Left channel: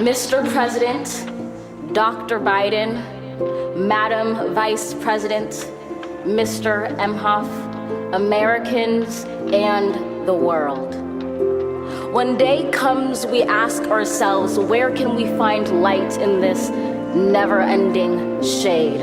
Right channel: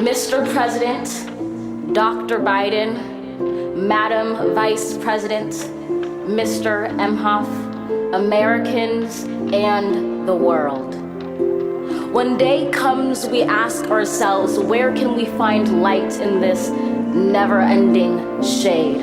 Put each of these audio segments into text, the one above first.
Mr. President, Dr. Biden, Madam Vice President, Mr. Emhoff, Americans, and the world. When day comes, we ask ourselves, where can we find light in this never-ending shade?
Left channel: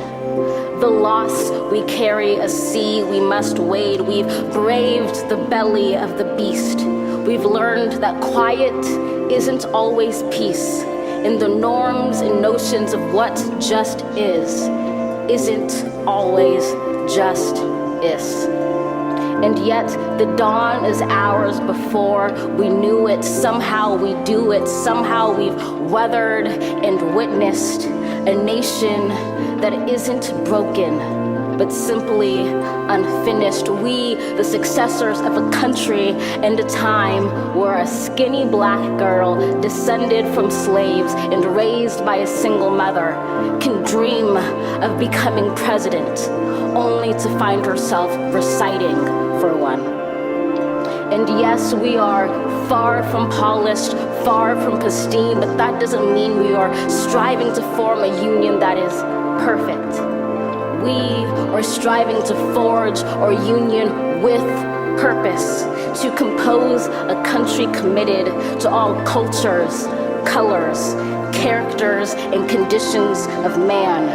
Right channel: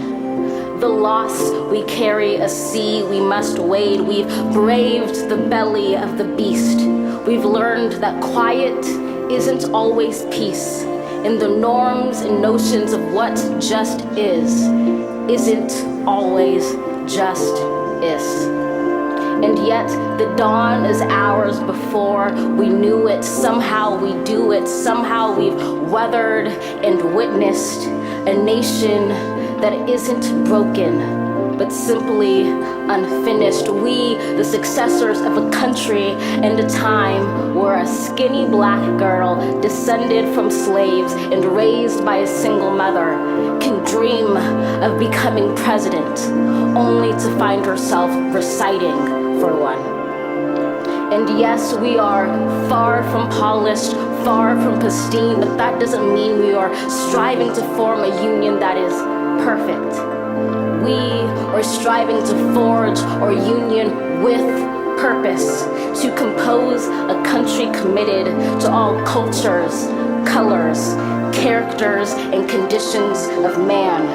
The loss we carry, a sea we must wade. We've braved the belly of the beast. We've learned that quiet isn't always peace, and the norms and notions of what just isn't always just is. And yet the dawn is ours before we knew it. Somehow we do it. Somehow we've weathered and witnessed a nation that isn't broken, but simply unfinished. We, the successors of a country and a time where a skinny black girl descended from slaves and raised by a single mother can dream of becoming president, only to find herself reciting for one. And yes, we are far from polished, far from pristine, but that doesn't mean we are striving to form a union that is perfect. We are striving to forge our union with purpose, to compose a country committed to all cultures, colors, characters, and conditions of man.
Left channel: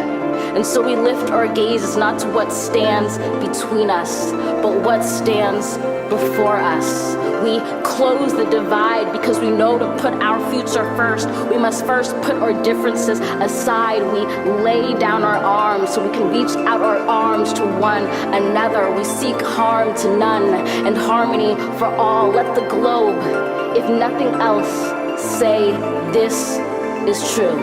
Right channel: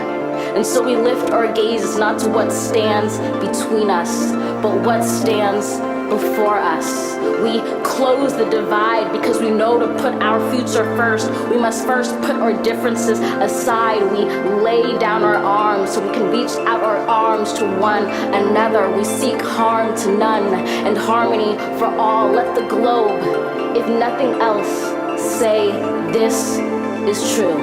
And so we lift our gazes not to what stands between us, but what stands before us. We close the divide because we know to put our future first. We must first put our differences aside. We lay down our arms so we can reach out our arms to one another. We seek harm to none and harmony for all. Let the globe, if nothing else, say this is true.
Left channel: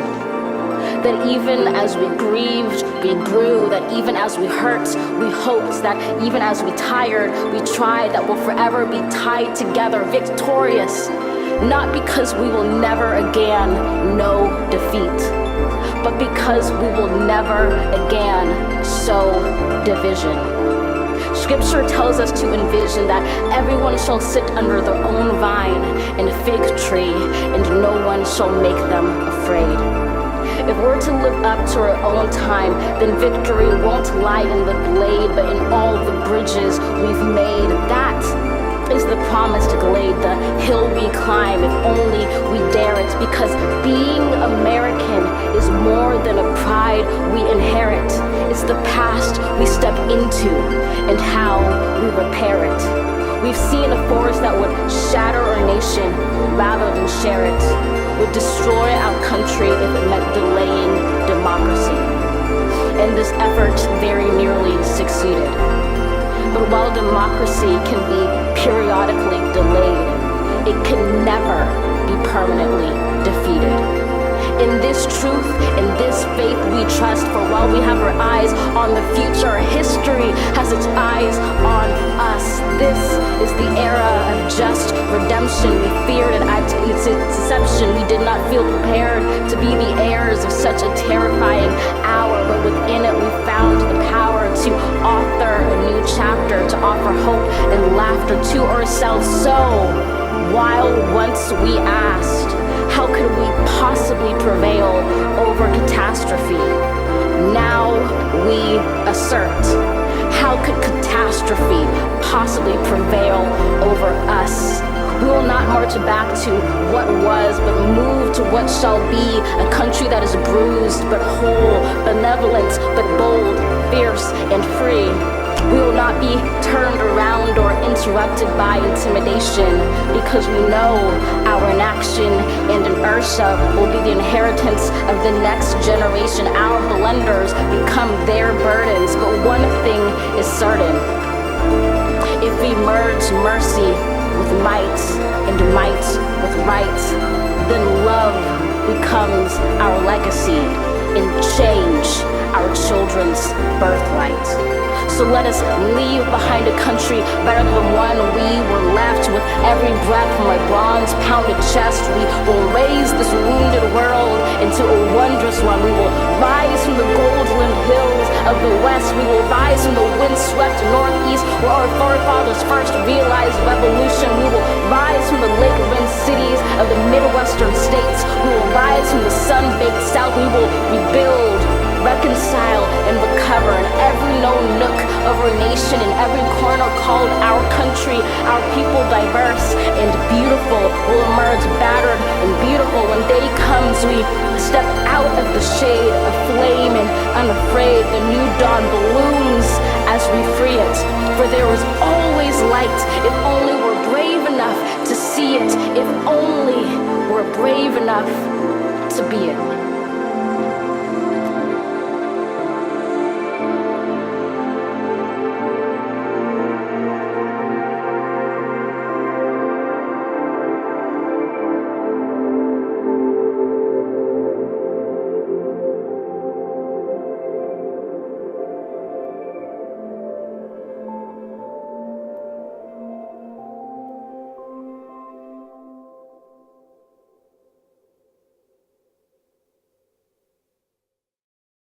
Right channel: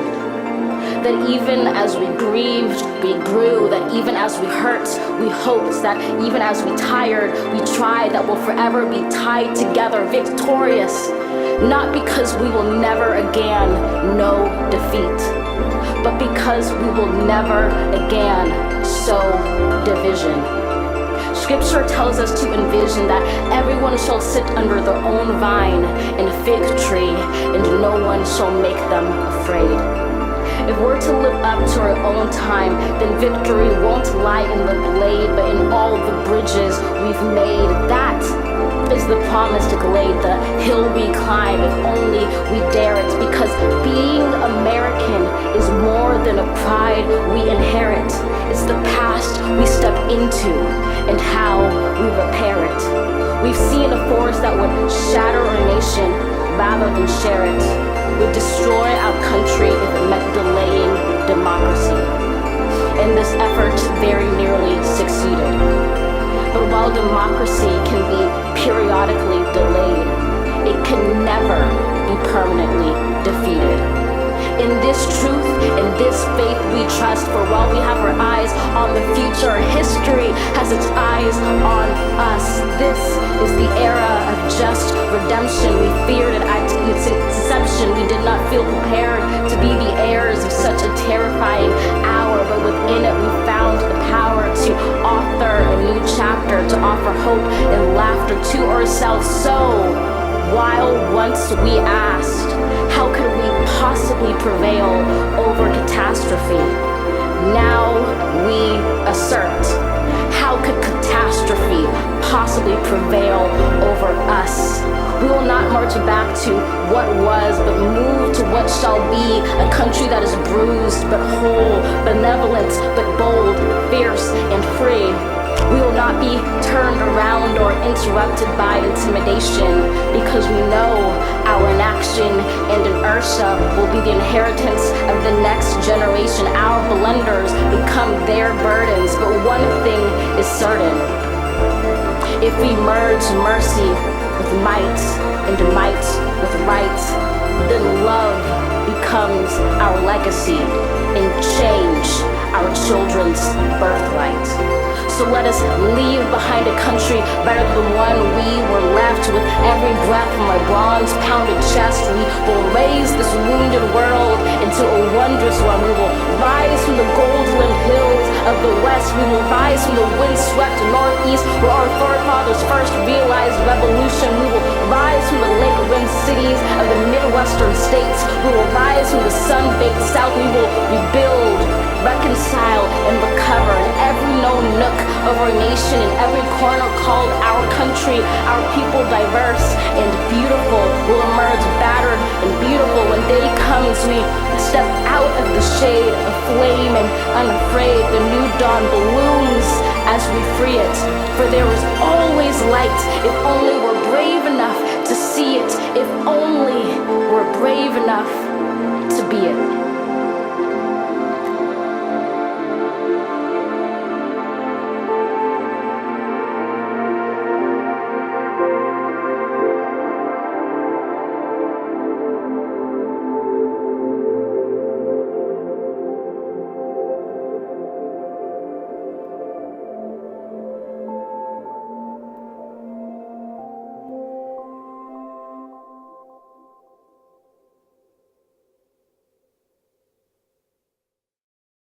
That even as we grieved, we grew. That even as we hurt, we hoped. That even as we tired, we tried. That we'll forever be tied together, victorious. Not because we will never again know defeat, but because we will never again sow division. Scripture tells us to envision that everyone shall sit under their own vine and fig tree, and no one shall make them afraid. If we're to live up to our own time, then victory won't lie in the blade, but in all the bridges we've made. That is the promised glade, the hill we climb, if only we dare it. Because being American is more than a pride we inherit. It's the past we step into and how we repair it. We've seen a force that would shatter our nation rather than share it, would destroy our country if it meant delaying democracy. And this effort very nearly succeeded. But while democracy can be periodically delayed, it can never be permanently defeated. In this truth, in this faith we trust, for while we have our eyes on the future, history has its eyes on us. This is the era of just redemption. We feared it at its inception. We did not feel prepared to be the heirs of such a terrifying hour, but within it we found the power to author a new chapter, to offer hope and laughter to ourselves. So, while once we asked, how could we possibly prevail over catastrophe? Now we assert, how could catastrophe possibly prevail over us? We will not march back to what was, but move to what shall be, a country that is bruised but whole, benevolent but bold, fierce and free. We will not be turned around or interrupted by intimidation, because we know our inaction and inertia will be the inheritance of the next generation. Our blunders become their burdens, but one thing is certain. If we merge mercy with might and might with right, then love becomes our legacy and change our children's birthright. So let us leave behind a country better than the one we were left. With every breath from my bronze-pounded chest, we will raise this wounded world into a wondrous one. We will rise from the gold-limbed hills of the West. We will rise from the windswept Northeast, where our forefathers first realized revolution. We will rise from the lake-rimmed cities of the Midwestern states. We will rise from the sun-baked South. We will rebuild, reconcile, and recover in every known nook of our nation, in every corner called our country. Our people, diverse and beautiful, will emerge battered and beautiful. When day comes, we step out of the shade of flame, and unafraid the new dawn blooms as we free it. For there is always light, if only we're brave enough to see it, if only we're brave enough to be it.